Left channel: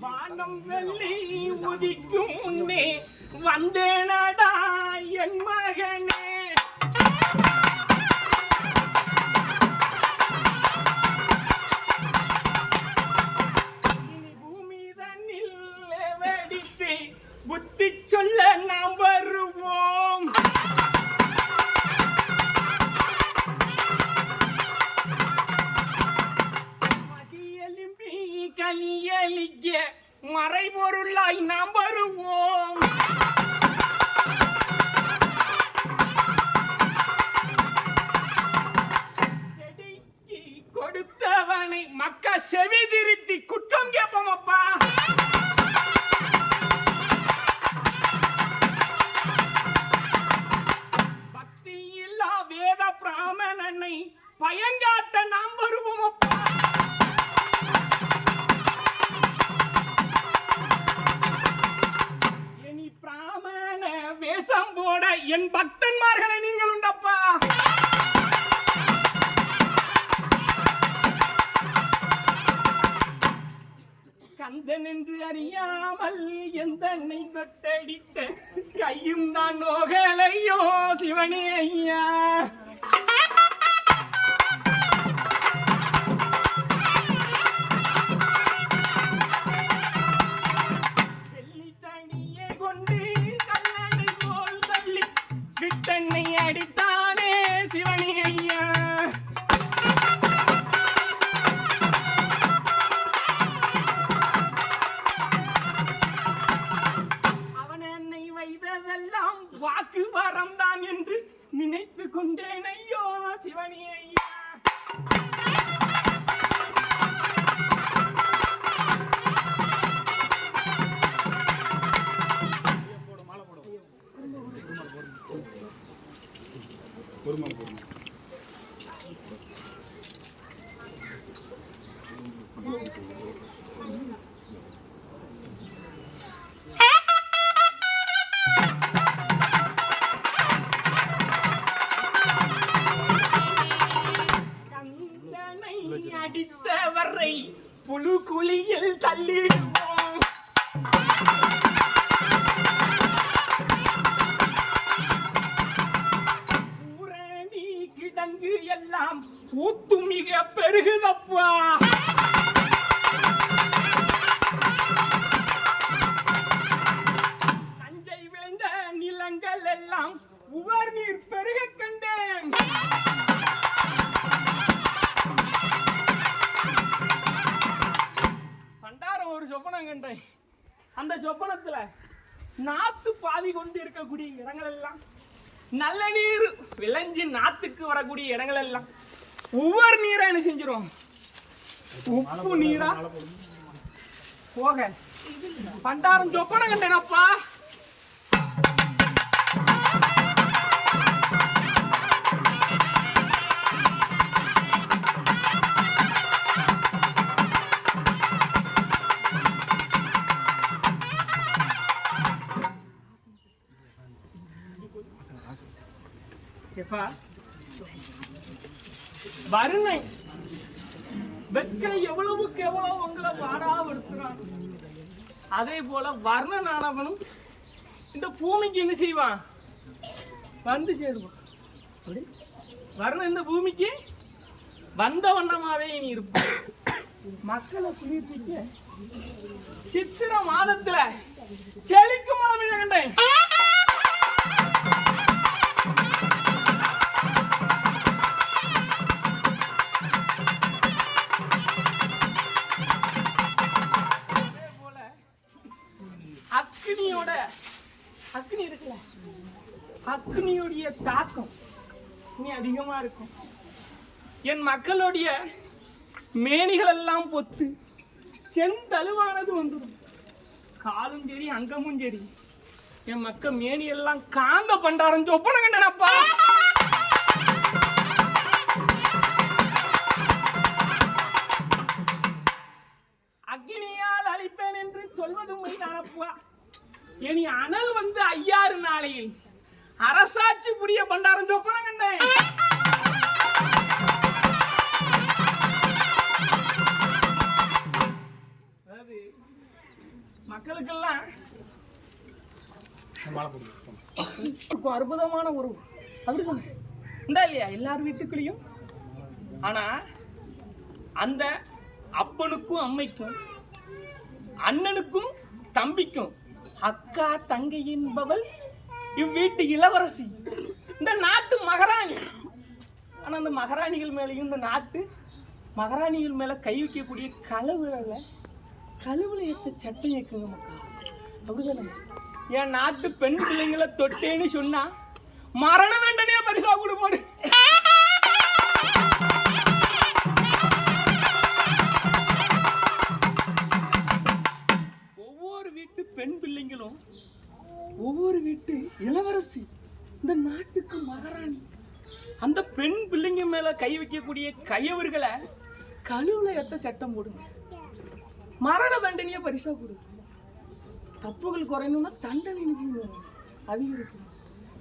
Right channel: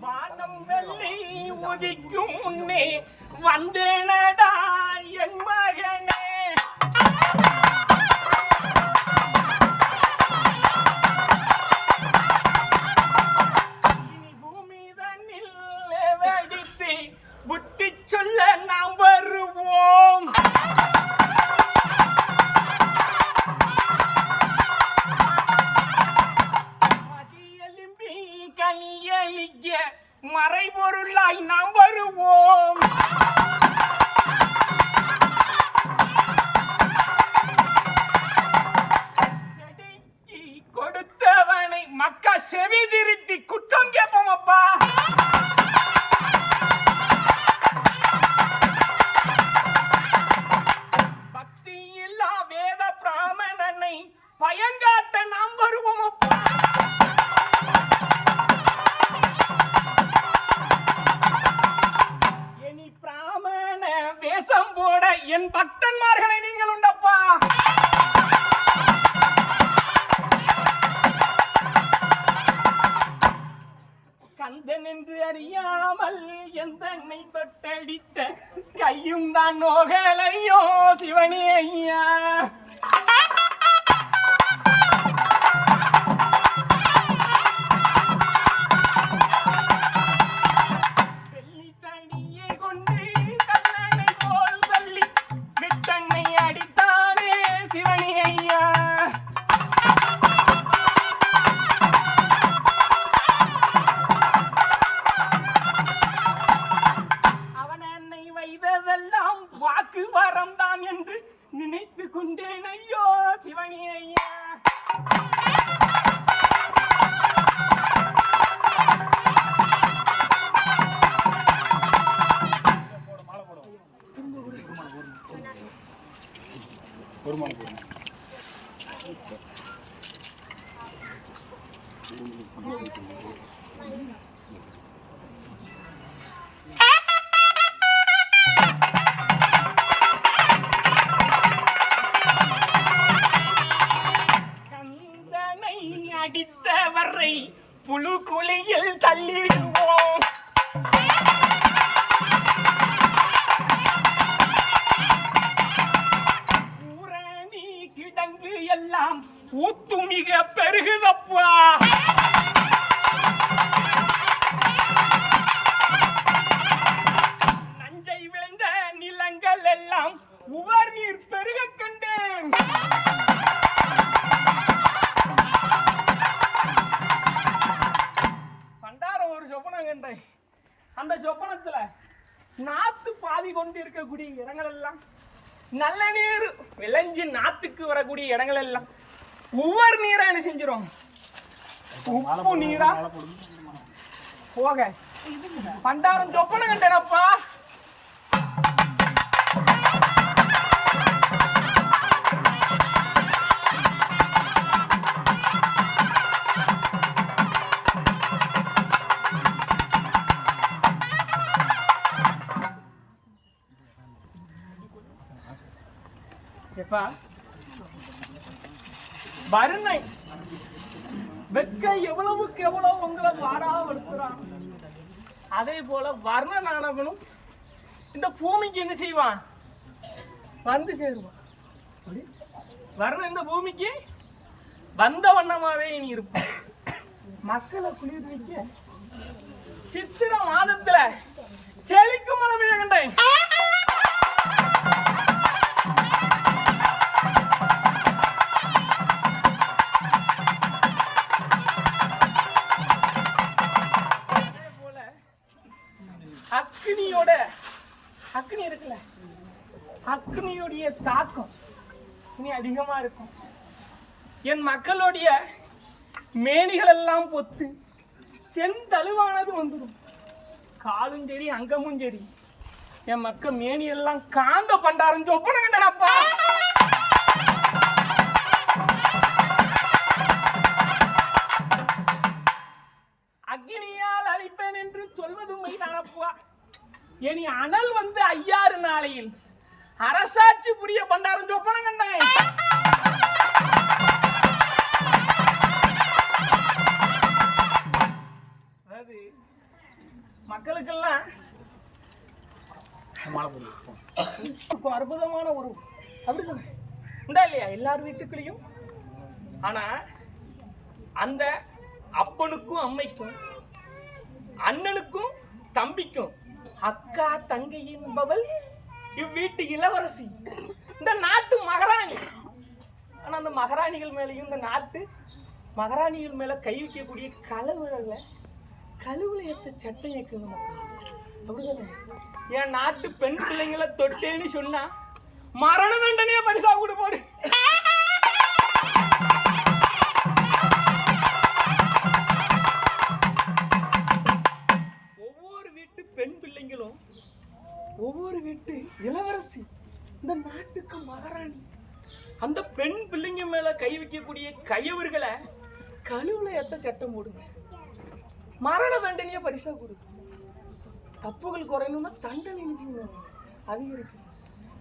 வானம் வெள்ளி உதிக்கும் முன்னே வந்தேனடா என் மக மறைபொருளாய் நாம் வருவோம். செடிக்கு கொடுத்தவனை மக்கா செவி திருத்தி குற்றம் கேட்போம் அப்பா. வேஷம் போட என் பக்தன்மார்களை நீங்கள் உண்டப்பா. கந்தன் என்று அறியாமல் எந்த தொட்டடித்த கையும் தான் நோகலையோ சிவனே ஐயா. கந்தனை அடித்தவரை புழு குழியில் தள்ளிடுவோம். கிடங்கு எல்லாம் ஊத்து மிக பெருகுதப்பா. நஞ்சை விளைந்த நிலங்கள் எல்லாம் உவர் நீர் பெருக கண்டேன். பண்டாரம் ஒரு சொப்பனம் கண்டேன். அந்த சொப்பனத்துல நாத்து பாதி கொண்டு இருக்கக்கூடிய இடங்கள் எல்லாம் நல்ல நீர். விளைஞ்சு நாத்துக்கு வரக்கூடிய இடங்கள் எல்லாம் ஒவ்வொரு நீரா என்ன செஞ்சிடும் உப்பு நீரா? போக. பண்டாரம் சொப்பனை கண்டேனப்பா. வறுமை. வெக்க எவ்வளவுக்கு எவ்வளவு உங்களை மாறாமடுத்துறான் அதே போல வர்ணனானவனும் இந்த பூமிக்கு என்ன செய்வான்? வந்து சேருவான். அப்படி? வர்ணம் இந்த பூமிக்கு வந்த வண்ணமாவே இனி இருப்பான். மக்களை குளிர்விக்க சித்திர மாதத்துல அக்னியோட அக்னி இருக்குல்ல? அக்னியுடைய தாக்கம் இனி அதிகமா இருக்கும். என் மக்களுடைய மேனிகள் எல்லாம் பொத்து செந்தழுவானது வந்துடும். காலும் சரி அங்கமும் சரி. என் மக்கள் மேனி எல்லாம் காந்த பண்டாரம் சொப்பன இனி அனல் வந்து ஐயாறு நாளையில். அரசாட்சி புரிய பண்டாரம் சொப்பன கண்டேன். மக்களுக்கெல்லாம் போடுவோம் இருக்கும் அற்புதமான உறவு. அப்படிதானே உண்டா இல்லையா? எல்லார் வீட்டுக்குள்ளேயும். ஆனா அந்த அப்பனுக்கும் அம்மைக்கும் அண்ணனுக்கும் தம்பிக்கும் அக்கா தங்கை என்பவள் இவ்வீட்டு இளவரசி. இந்த நாட்டு மகாராணி. ஆனால் அந்த மகாராணிகள் மேலேயும் இந்த நாட்டு மகாராணிகள் மேலே கை வைக்கக்கூடிய கலவுல கழுவுல ஏத்த சட்டம் ஏக்குங்க மக்கள் அப்படிதானே? என் நாட்டு பெண் பிள்ளைங்களை தொட்டேன்னு சொன்னா மரண தண்டனையா பரிசா கொடு போடு. பெண் ஒவ்வொரு வீட்டு இளவரசி இந்த நாட்டுக்கு மகாராணி. அந்த பெண் பிள்ளைங்க மேல கை வைக்கக்கூடிய கையவர்களை கழுவுல எத்த சட்டம் போடுங்க. மரண தண்டனையா பரிசா கொடுங்க. தப்புகள் குறையணும்னா தண்டனை என்ன செய்யணும் அதிகரிக்கணும்.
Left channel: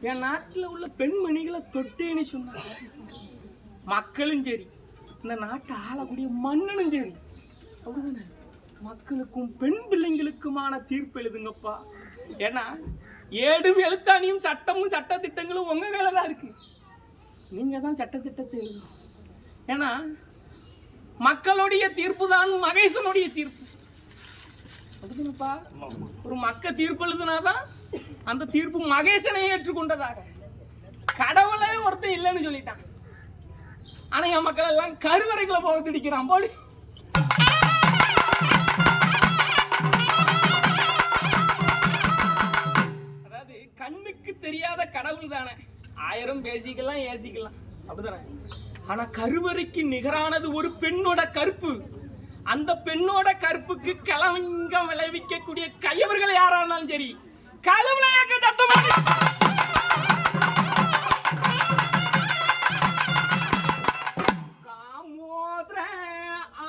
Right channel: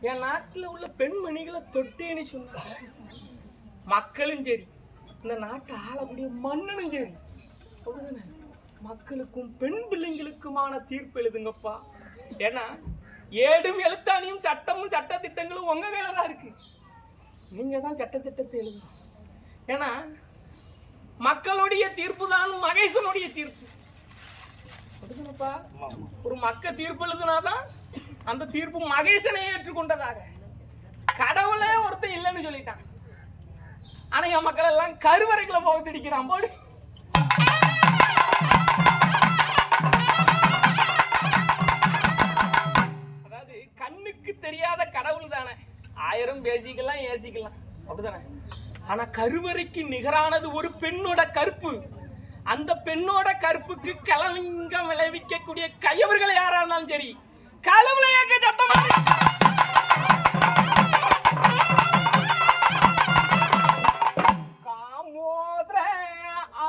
என் நாட்டில் உள்ள பெண்மணிகளை தொட்டேன்னு சொன்னாங்க மக்களும் சரி இந்த நாட்டை ஆளக்கூடிய மன்னனும் சரி. அப்படிதானே? மக்களுக்கும் பெண் பிள்ளைங்களுக்குமான தீர்ப்பு எழுதுங்கப்பா. ஏன்னா ஏடும் எழுத்தாணியும் சட்டமும் சட்டத்திட்டங்களும் உங்கள் கையில் தான் இருக்கு. நீங்கள் தான் சட்டத்திட்டத்தை எழுதணும். ஏன்னா மக்களுடைய தீர்ப்பு தான் மகேசனுடைய தீர்ப்பு. எழுதுனப்பா ஒரு மக்க தீர்ப்பு எழுதுனாதான் அந்த தீர்ப்பு மகேசனை ஏற்றுக்கொண்டதாக. கடவுளே ஒருத்தன் இல்லைன்னு சொல்லிட்டான். ஆனால் என் மக்கள் எல்லாம் கருவறைகளை போக திடிக்கிறான். போடு. தெரியாத கடவுள் தானே. ஆயிரம் பேசிக்கலாம் ஏசிக்கலாம். அப்படிதானே? ஆனா கருவறைக்கு நிகரானது ஒரு பெண்ணோட கற்பு அந்த பெண்ணோட கற்புக்கு கலவங்கம் விளைவிக்கக்கூடிய கையவர்கள் யாரா இருந்தாலும் சரி களவுல ஏக்க சட்டம் காமோதர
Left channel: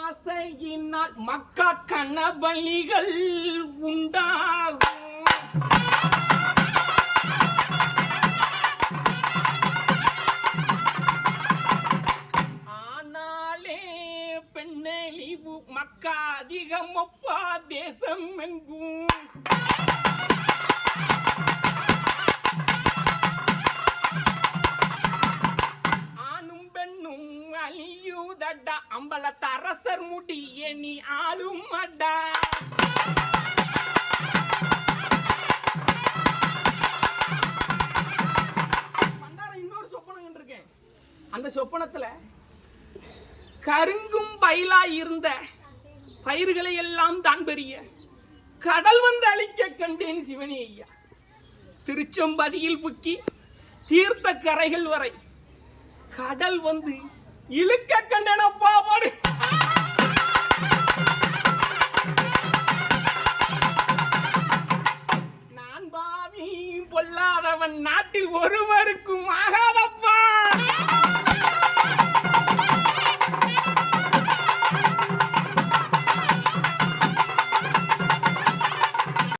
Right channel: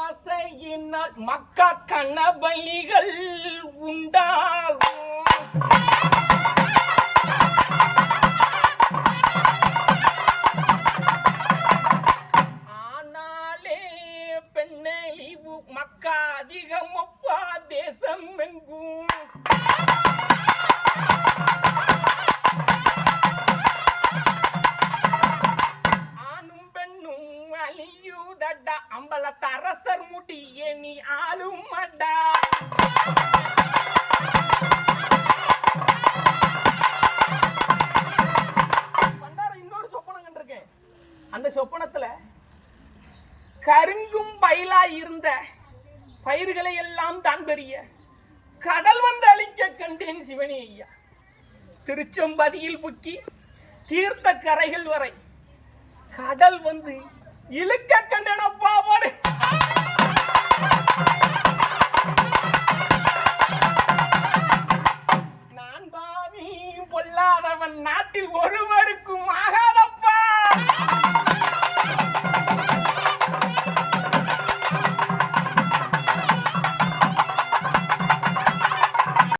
ஆசையினால் மக்கா கணபலிகள் உண்டாகும். காதிகமப்பா தேசம் எங்கும் ஆணும் பெண்ணும் அழியுதடா. அம்பலத்த அரசர் முடிய நீ ஆளும் அடா இன்னொரு சொப்பனம் கண்டிருக்கேன். அந்த சொப்பனத்துல கருங்கும் பயிலா இருந்த பயிர்களை எல்லாம் தான் பெரிய. கடல் வந்து அழிக்க கண்டேன் சிவனி ஐயா. திருச்செம்பதியில் புக்கி தீர்த்த கரைகள் வரை கடல் வந்து இழுக்க கண்டேன் பாடு நான் பாவி பொல்லாதவன் நாட்டில் ஒருவருக்கும் ஆகாத.